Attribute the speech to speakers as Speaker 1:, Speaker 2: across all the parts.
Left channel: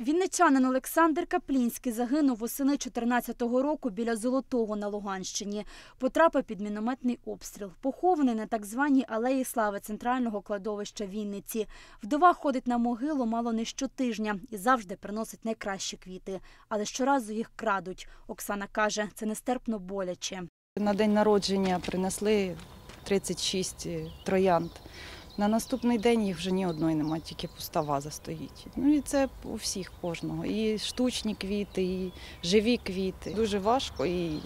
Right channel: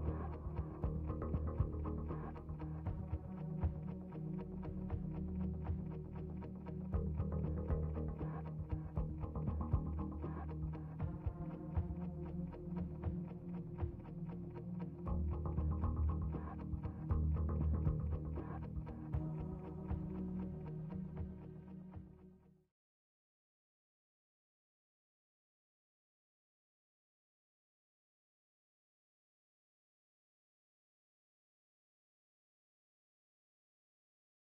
Speaker 1: Вінничанин Олександр Каплінський загинув восени 14-го року біля Золотого на Луганщині. Потрапив під мінометний обстріл. Похований на так званій алеї слави центрального кладовища Вінниці. Вдова ходить на могилу мало не щотижня і завжди приносить найкращі квіти. Але щоразу їх крадуть. Оксана каже, це нестерпно боляче.
Speaker 2: На день народження принесли 36 троянд. На наступний день їх вже ні одної немає, тільки пуста ваза стоїть. Ну і це у всіх кожного. І штучні квіти, і живі квіти. Дуже важко і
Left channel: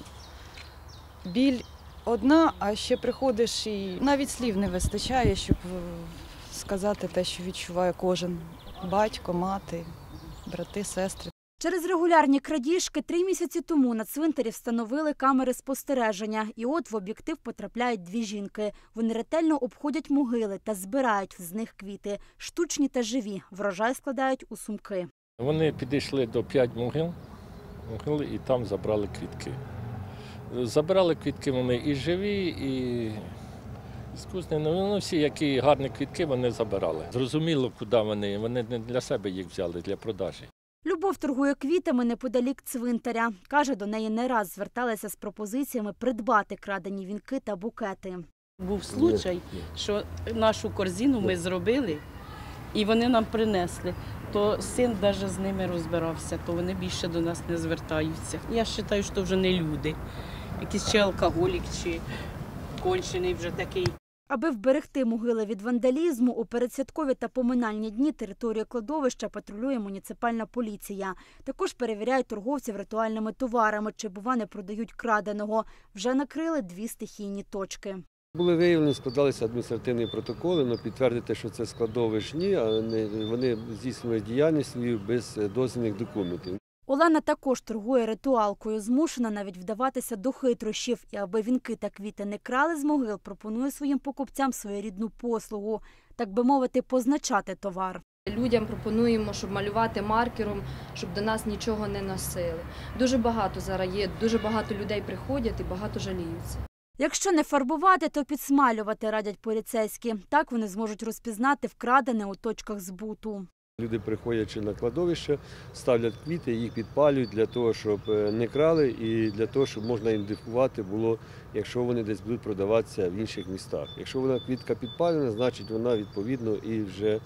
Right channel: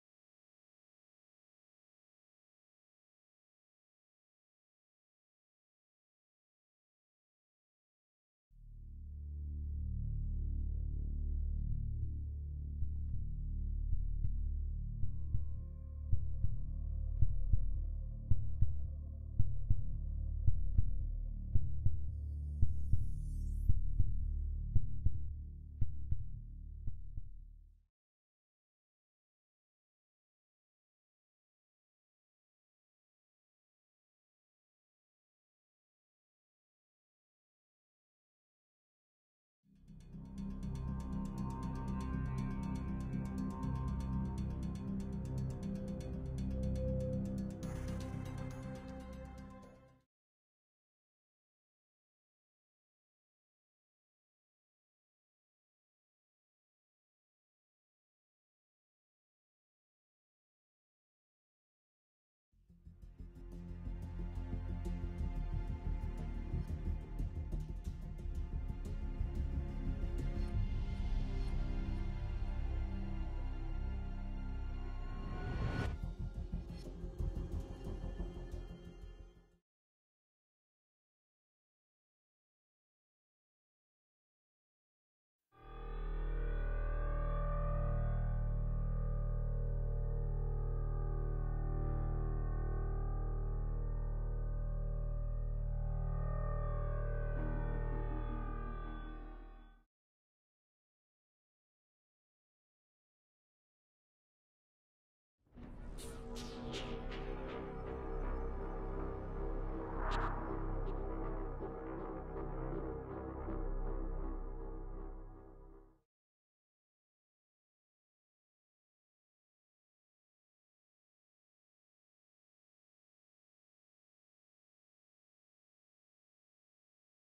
Speaker 2: біль одна, а ще приходиш і навіть слів не вистачає, щоб е, сказати те, що відчуває кожен батько, мати, брати, сестри.
Speaker 1: Через регулярні крадіжки три місяці тому на цвинтарі встановили камери спостереження. І от в об'єктив потрапляють дві жінки. Вони ретельно обходять могили та збирають з них квіти, штучні та живі. Врожай складають у сумки.
Speaker 3: Вони підійшли до п'ять могил, могили і там забрали квітки. Забирали квітки вони і живі, і іскусні. Ну, всі, які гарні квітки, вони забирали. Зрозуміло, куди вони. Вони не для себе їх взяли, для продажі.
Speaker 1: Любов торгує квітами неподалік цвинтаря. Каже, до неї не раз зверталися з пропозиціями придбати крадені вінки та букети.
Speaker 4: Був случай, що нашу корзину ми зробили і вони нам принесли. То син навіть з ними розбирався, то вони більше до нас не звертаються. Я вважаю, що вже не люди. Якийсь чи алкоголік, чи кончений вже такий.
Speaker 1: Аби вберегти могили від вандалізму, у передсвяткові та поминальні дні територію кладовища патрулює муніципальна поліція. Також перевіряють торговців ритуальними товарами, чи бува не продають краденого. Вже накрили дві стихійні точки.
Speaker 5: Були виявлені, складалися адміністративні протоколи, але підтвердити, що це складовищ ні, а вони здійснювали діяльність свою без е, дозвільних документів.
Speaker 1: Олена також торгує ритуалкою, змушена навіть вдаватися до хитрощів. І аби вінки та квіти не крали з могил, пропонує своїм покупцям своєрідну послугу, так би мовити, позначати товар.
Speaker 6: Людям пропонуємо, щоб малювати маркером, щоб до нас нічого не носили. Дуже багато зараз є, дуже багато людей приходять і багато жаліються.
Speaker 1: Якщо не фарбувати, то підсмалювати радять поліцейські. Так вони зможуть розпізнати вкрадене у точках збуту.
Speaker 5: Люди, приходячи на кладовище, ставлять квіти, їх підпалюють для того, щоб е, не крали, і для того, щоб можна ідентифікувати було, якщо вони десь будуть продаватися в інших містах. Якщо вона квітка підпалена, значить вона відповідно і вже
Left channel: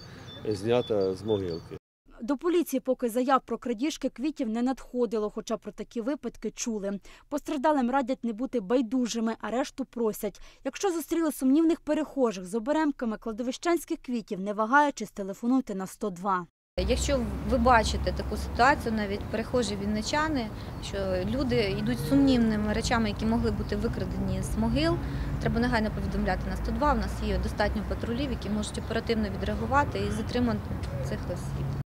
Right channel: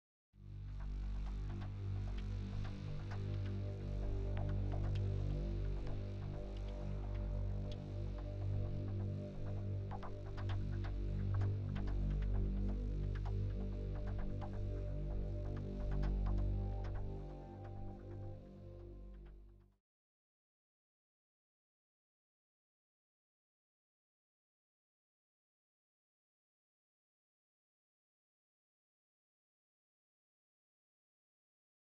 Speaker 5: е, знята з могилки.
Speaker 1: До поліції поки заяв про крадіжки квітів не надходило, хоча про такі випадки чули. Постраждалим радять не бути байдужими, а решту просять. Якщо зустріли сумнівних перехожих з оберемками кладовищенських квітів, не вагаючись, телефонуйте на 102.
Speaker 7: Якщо ви бачите таку ситуацію, навіть перехожі вінничани, що люди йдуть сумнівними речами, які могли бути викрадені з могил, треба негайно повідомляти на 102. У нас є достатньо патрулів, які можуть оперативно відреагувати і затримати цих осіб.